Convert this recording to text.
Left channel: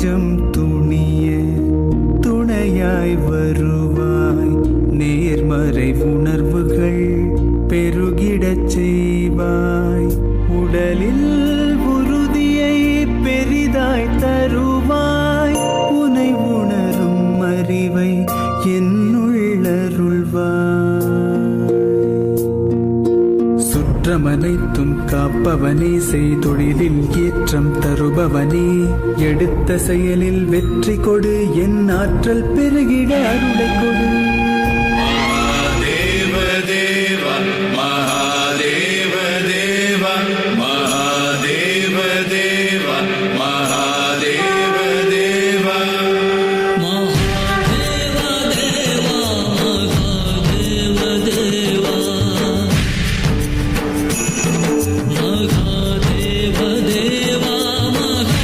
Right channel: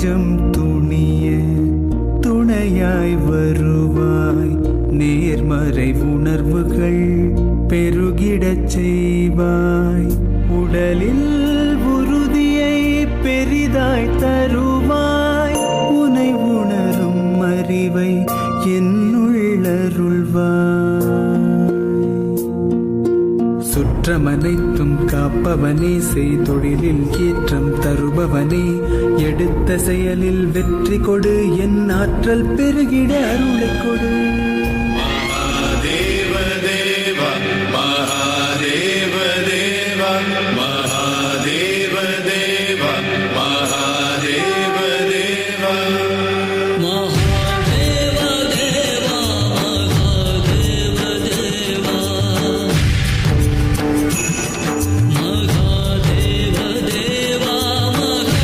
நெஞ்சம் துணிய துணையாய் வருவாய். நேர்மறை உணர்வுகள் பெருகிடச் செய்வாய். உடலில் உறுதியை பெரிதாய் தருவாய். உனை உணரும் அறிவை என்னுள்ளருள்வாய். சுற்றமனைத்தும் காப்பவனே, செய்தொழிலில் ஏற்றம் தருபவனே, எடுத்த செயலில் வெற்றி கொடு, என் ஆற்றல் பெருகிட அருளை கொடு.